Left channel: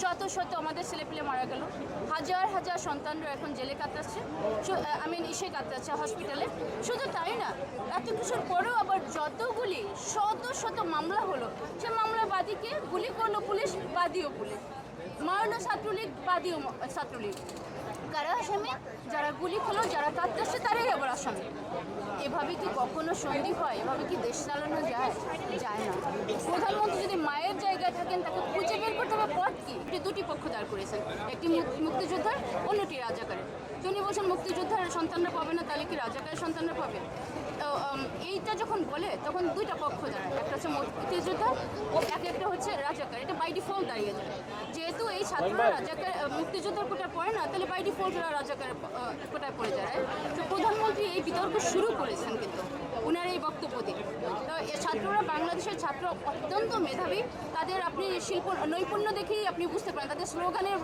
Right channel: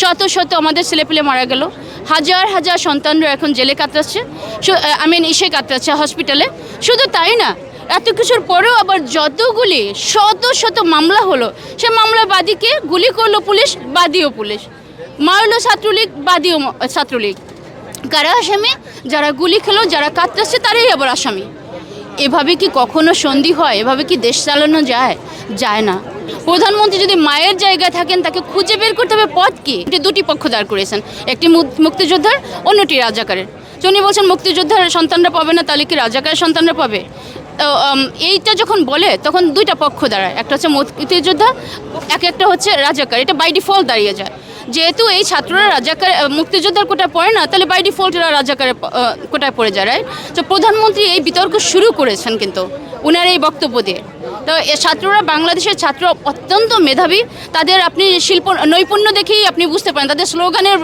শত শত আমাদের ছেলেপিলে মারা গেল। হাজার হাজার সন্তানরা এখন জেলে কাতরাচ্ছে। আই মিন ইসে কাতরাচ্ছে হসপিটালে শুধু তাই না, এত কিছুর পরেও আবার যতগুলি শত শত মামলা হলো, সে মামলা বাদীকে গুলি করল পুলিশ, বাদীও পুলিশ। মারলো ছাত্রলীগ, বাদীও ছাত্রলীগ। কারা আসামি? যারা গুলি খেলো, যারা কাতরাচ্ছে, তারাই আবার আসামি। এভাবে কি কখনো সন্ধি হয়? এভাবে কি দেশ চালানো যায়? যায় না। প্রধানমন্ত্রী যদি মায়ের জায়গায় থাকেন, তাকে খুঁজে বের করতে হবে পথ কি? দুটি পক্ষ দাঁড় করেছেন একটি মুক্তিযোদ্ধার, অন্যটি রাজাকারের। উনি বলছেন, মুক্তিযোদ্ধার সন্তানরা পাবে না, তাহলে কি রাজাকারের সন্তানরা পাবে? তো এইটা যখন বলে, তখন দুইটা পক্ষ দাঁড়ায়। একটা হচ্ছে মুক্তিযোদ্ধা, এক একটা হচ্ছে রাজাকার। এটা বাই ডিফল্ট দাঁড়িয়ে যায়। যেহেতু এই ছাত্ররা রাজাকার মুক্তিযোদ্ধার কোটায় পড়ে না, তাহলে বাই ডিফল্ট এরা রাজাকারের কোটায় পড়ে যায়, right? তো প্রধানমন্ত্রী এই বিতর্ক শুরু করেছেন কিন্তু, উনার এই বক্তব্য দিয়ে। তো ছাত্ররা, বাংলাদেশের ছাত্র অত্যন্ত মেধাবী। তাদের আপনি শিল্প, নৈপুণ্য দেখেই আপনি বুঝতে পারেন। তাদের স্লোগানের,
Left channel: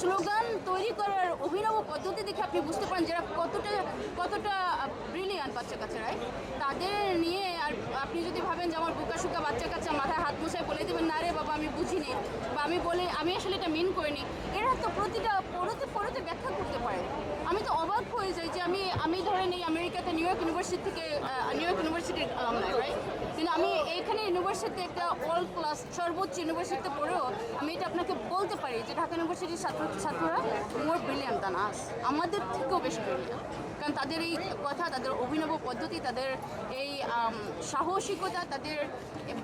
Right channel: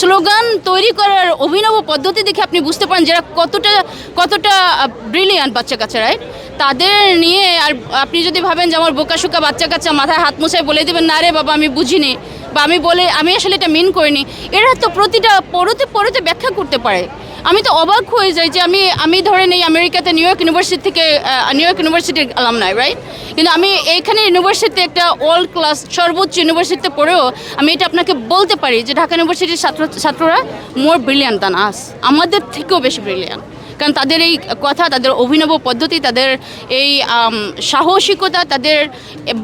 স্লোগান তৈরি করার অভিনব পদ্ধতি দেখে আপনি বুঝতে পারেন যারা কতটা কতটা ব্রিলিয়ান্ট বাচ্চা কাচ্চারাই তাদের নিয়ে আর আপনি যদি ভাবেন যে আমার বোকাশোকা বাচ্চা কাচ্চা মাথায় হাত মোছায় বলে দেবেন, না রে বাবা, আমি বুঝিনি বা আমি বলে, আমি আসলে এটা মিন করিনি, এরা তো প্রতিটা পড়তে পড়তে ব্যাখ্যা করতে পারে। আমি তো অবাক হয়ে যাই যে আমি আমি ধরেন এই আমেরিকাতে নিউ ইয়র্ক ইউনিভার্সিটি থেকে নিউ ইয়র্ক ইউনিভার্সিটির নাই রাইট কিন্তু আমি এইখানে ইউনিভার্সিটিতে একটা ওয়ার্ল্ড ক্লাস সর্বোচ্চ ইউনিভার্সিটিতে পড়েও আমি এটা আপনাকে বলতে পারি যে ঢাকা ইউনিভার্সিটির ছাত্র, ছাত্ররা মোর ব্রিলিয়ান্ট দান আস আমাদের থেকেও বেশি ব্রিলিয়ান্ট কারণ তাদের এই কথা তাদের অভিনব পদ্ধতি তাদের এই সাহসিকতা তাদের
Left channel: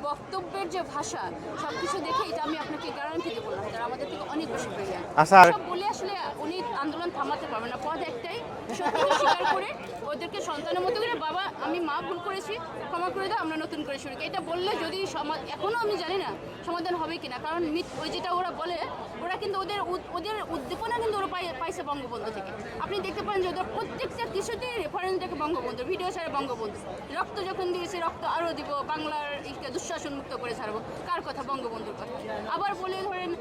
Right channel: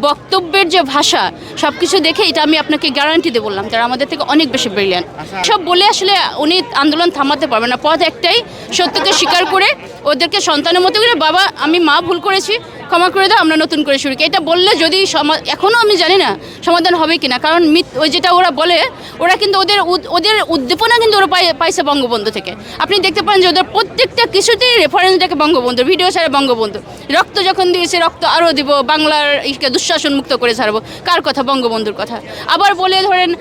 বক্তব্যের যে ভাষা সব কিছু দেখে এটা আমি আপনাকে গ্যারান্টি দিয়ে বললাম তারা আমাদের থেকে অনেক বেশি ব্রিলিয়ান্ট আচ্ছা। সব বলে আসলে উনি আন্দোলন থামাতে পারবেন না পথ একটাই সত্যকে স্বীকার করে ওদেরকে সন্তানের মতো করে বাবা আমি মা ভুল করেছি ক্ষমা করে দাও, আমরা নতুন করে শুরু এটা বললে যদি এখনও আমি জানি না সমাধান হবে কিনা, কারণ ওই যেটা ওরা বলে, ওরা কিন্তু ওদের ওদের উদ্দীপনা কিন্তু ওরা পাই- পাইছে বঙ্গবন্ধু থেকে। আপনি দেখতে পান যে ওদের প্রত্যেকটা কিছুতেই রেফারেন্স দেখে বঙ্গবন্ধু ভিডিও ছাড়ে বঙ্গবন্ধু। রক্ত যখন দিয়েছে, রক্ত আরও দিব, বাংলার দুঃশাসন মুক্ত করে ছাড়বো। কার কথা? বঙ্গবন্ধুর কথা। আবার বলে ধরেন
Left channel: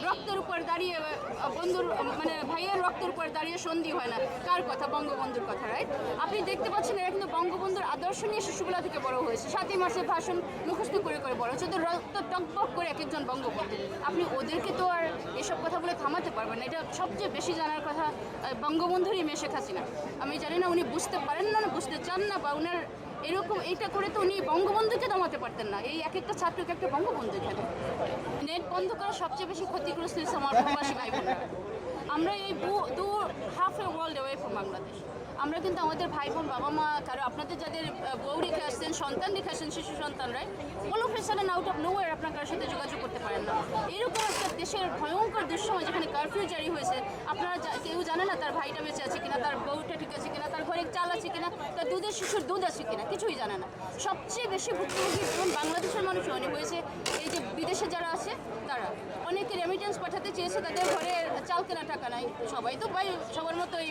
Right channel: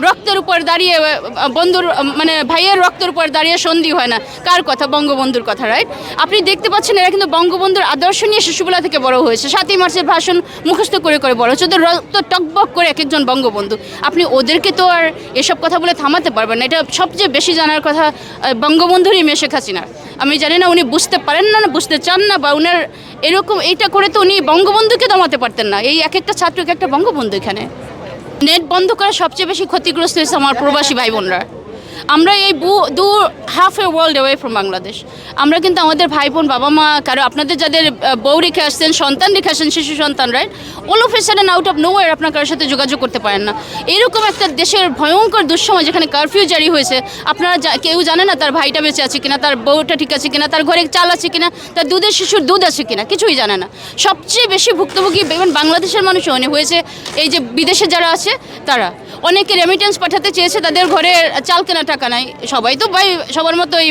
রক্তের উপর দাঁড়িয়ে বন্ধুর মানে ভাইয়ের রক্তের উপর দাঁড়িয়ে সন্ধি হয় না। কার কথা? বঙ্গবন্ধুর কথা রাইট আপনি দেখতে পাচ্ছেন, এরা কিন্তু বঙ্গবন্ধুর আদর্শ নিয়ে শিশুবেলা থেকে বড় হয়েছে। সাতই মার্চের ভাষণ মুখস্থ করে করে বড় হচ্ছে। ওদের রক্ত টকবক করে এক একজন বঙ্গবন্ধু। আপনি ওদেরকে তো আর এসব কথা বলে থামাতে পারবেন না। এটা সবচেয়ে বেশি জানার কথা বঙ্গবন্ধুরই মেয়ে শেখ হাসিনার আমি জানি না উনি বুঝতে পারেন না না বুঝতে চান না, বা উনার এরকম এইটা করে তো উনি বঙ্গবন্ধুকে দমাতে পারতেন না। এই এক একটা ছাত্রকে একটা বঙ্গবন্ধু এখানে। নেট বন্ধ করা সবচেয়ে বেশি ক্ষতিগ্রস্ত হয়েছে আমার প্রবাসী ভাই বোনরা আমরা এই দু half a world away from Bangladesh আমরা কিন্তু আমাদের ভাই বোন বাবা মা কারও, আপনাদের যাদের বউ রেখে আসছেন, সন্তান রেখে আসছেন, শিশু সন্তান right all of a sudden out of no আপনার কারোর সাথে যোগাযোগ করতে পারেন না। এরকম একটা দেশের ভয়ঙ্কর দুঃসময় যেখানে কারফিউ জারি হয়েছে, আপনারা কেউ জানে না তার ভাইটা বেঁচে আছে কিনা, তার বউটা ঠিক আছে কিনা, তার ঘরে চাল আছে কিনা, তার দুধের শিশুর দুধ আছে কিনা, কিছুই জানে না। সবচেয়ে বেশি ভুক্তভোগী ইভেন বাংলাদেশের মানুষও অনেক হয়েছে এই যে বিদেশে যারা আছে, তারা। অনেকে রেমিটেন্স পাঠাতে চেয়েছে, তাদের ঘরে চাল কেনা টাকা নাই। সবাই তো ভাই, সবার মতো এই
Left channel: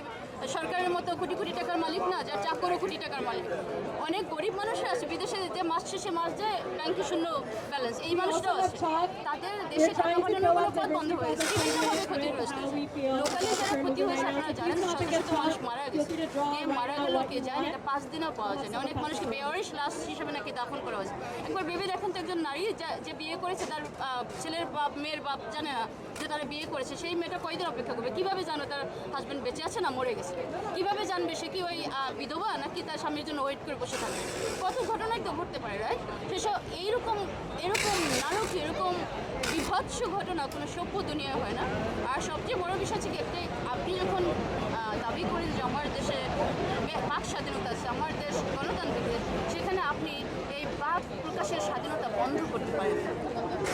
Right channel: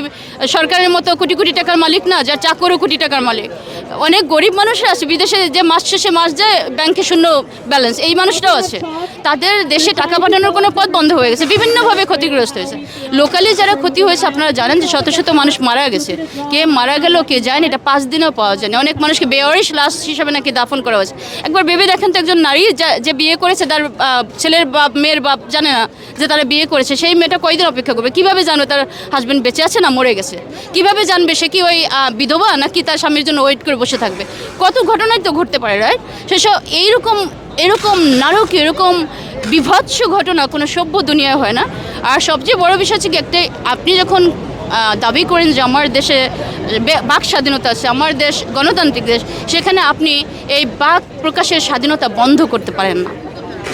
সরকারের মতো কোটি কোটি টাকার মালিক না, যার চাকরও কোটি টাকার মালিক। অনেক গরিব মানুষরা আছে, বিদেশে যে মাস শেষে মাস যায় ব্যাংকে শূন্য ব্যালেন্স এই মানুষটাও আছে। তাদের দেশে টাকা পাঠানোর কোনো পথ বন্ধ হয়ে গেছে, বিভিন্নভাবে ক্ষতিগ্রস্ত হয়েছে। লোকালি যারা ক্ষতি হয়েছে, আপনারা জানেন যে শত শত মানুষ মারা গেছে। কে মারা গেল, কে যায়নি, এটা পাঁচ দিনও পাওয়া যায়নি। অনেক মানুষকে বেওয়ারিশ লাশ হিসাবে নাকি দাফন করা হয়েছে। একবার ভেবে দেখেন তো একজন নারী যা- বিয়ে করেছে, তার ছেলের বাপ, মেয়ের বাপ জানে না যে তারা বিয়ে করেছে, সেই মেয়েটা কয়দিন অপেক্ষা করবে? কীভাবে জানবে তার হাজবেন্ড বেঁচে আছে না মরে গেছে? কীভাবে জানবে সে কি ওই বিধবা নাকি তার স্বামীর জন্য ওয়েট করে বসে থাকবে। কত ঘটনাই তো ঘটতে পারে রাইট সেসব এইরকম, এরকম নারক এরকম বিভৎস ঘটনা কোনো সভ্য দুনিয়ায় হয় না। আর সবচেয়ে বড় বিষয় হচ্ছে কি একটাই আপনি যখন দাবি করেন যে আমার দেশে বাক স্বাধীনতা আছে, আমার দেশ গণতান্ত্রিক দেশ, সেখানে আপনি এই বাক প্রকাশের স্বাধীনতা বন্ধ করতে পারেন না।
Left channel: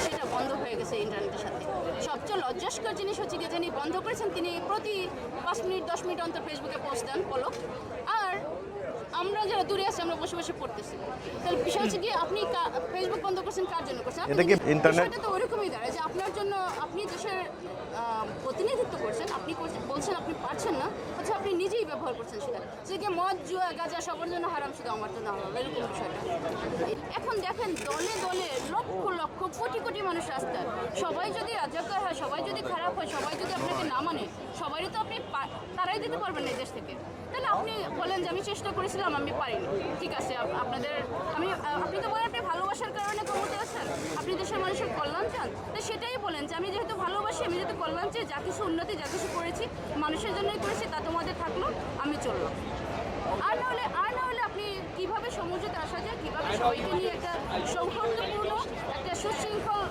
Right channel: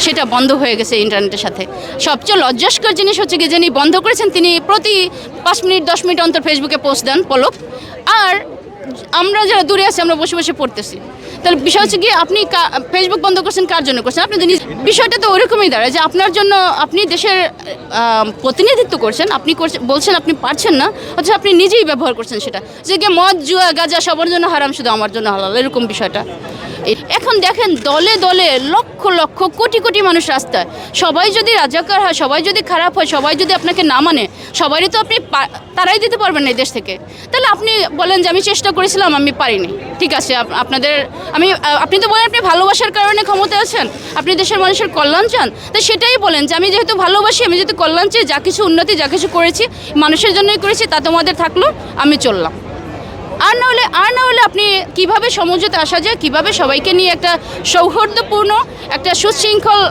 সেটা বন্ধ হয়ে গেছে ইন্টারনেটের সাথে। সবচেয়ে লজ্জাস্কর জিনিস হচ্ছে কি, যিনি বন্ধ করেছেন, তিনি প্রতি পাঁচ মিনিট, দশ মিনিট অন্তর ফেসবুকে পোস্ট দেন, পলক। আর আমরা যারা দূরে আছি আমরা বসে বসে পড়তেছি। তাহলে বিষয় হচ্ছে গিয়ে আপনি ফেসবুক বন্ধ করছেন কার জন্য করছেন? আপনি বিষয়টা তো ওরকমই দাঁড়ায় যে আপনার জন্য আপনি দেশের প্রতিনিধিত্ব করছেন আপনি করছেন- বলছেন আপনি পারছেন না অথচ আপনি নিজেই ব্যবহার করছেন সেটা। যে মদ জুয়া গাজা সবার জন্য হারাম শুধু আমার জন্য হালাল এরকম বিষয়টা। এখন দেখেন দলে দলে লক্ষ লক্ষ কোটি কোটি মানুষ রাস্তায়। সবাই যদি রাজাকার হয়, সবাই যদি খারাপ হয়, সবাই যদি আপনাকে না মানে সবারই তো আপনি তারাই দিতে পারবেন না এই দেশ থেকে। তাহলে আপনি বলেন যে আমি চেষ্টা করেছিলাম, আমি পারিনি। ঠিক আছে আপনাদের, আমি আপনি তো বলেন আপনি ভালোবাসার কারণে ক্ষমতা আছেন, আপনি দেশের মানুষের কল্যাণ চান। তো সেটাই বলেন যে আমি যেহেতু ভালোবাসি, আমি যেহেতু কল্যাণ চাই, যা কিছু উন্নতি, যা কিছু করেছি, মানুষের জন্যই করেছি, তা তোমাদের থাকল, আমি চললাম। আর না হলে আর না হলে আপনি কীভাবে সমঝোতে আসা যায়, কীভাবে সবাইকে নিয়ে একটা সৌহার্দ্যপূর্ণ, একটা সুশৃঙ্খল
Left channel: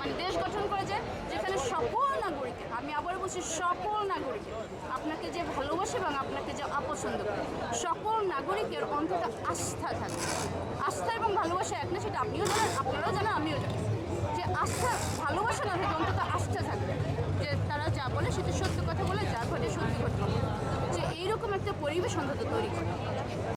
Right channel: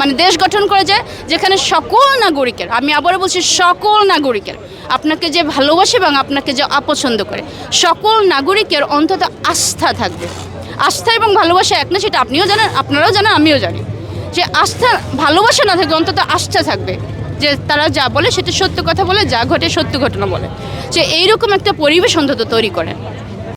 মানে দেশ গঠন করা যায়, যেখানে সকল নাগরিকের, আমি আবারও বলছি সকল নাগরিকের, আপনাকে যে ভালোবাসে এবং আপনাকে যে অপছন্দ করে, সকল নাগরিকের অন্তত আস্থা থাকবে। আস্থা এবং ভালোবাসা এক না, সেটা আপনিও জানেন, আপনারাও জানেন, আমিও জানি। যে আস্থা, ভালোবাসা না থাকবে অন্তত আস্থা থাকবে। যে তারা যা বলে সেটা সত্য কথা বলে, যা ঘটে সত্য ঘটনা বলে। যে এইরকম একটা পরিবেশ অন্তত তৈরি করে।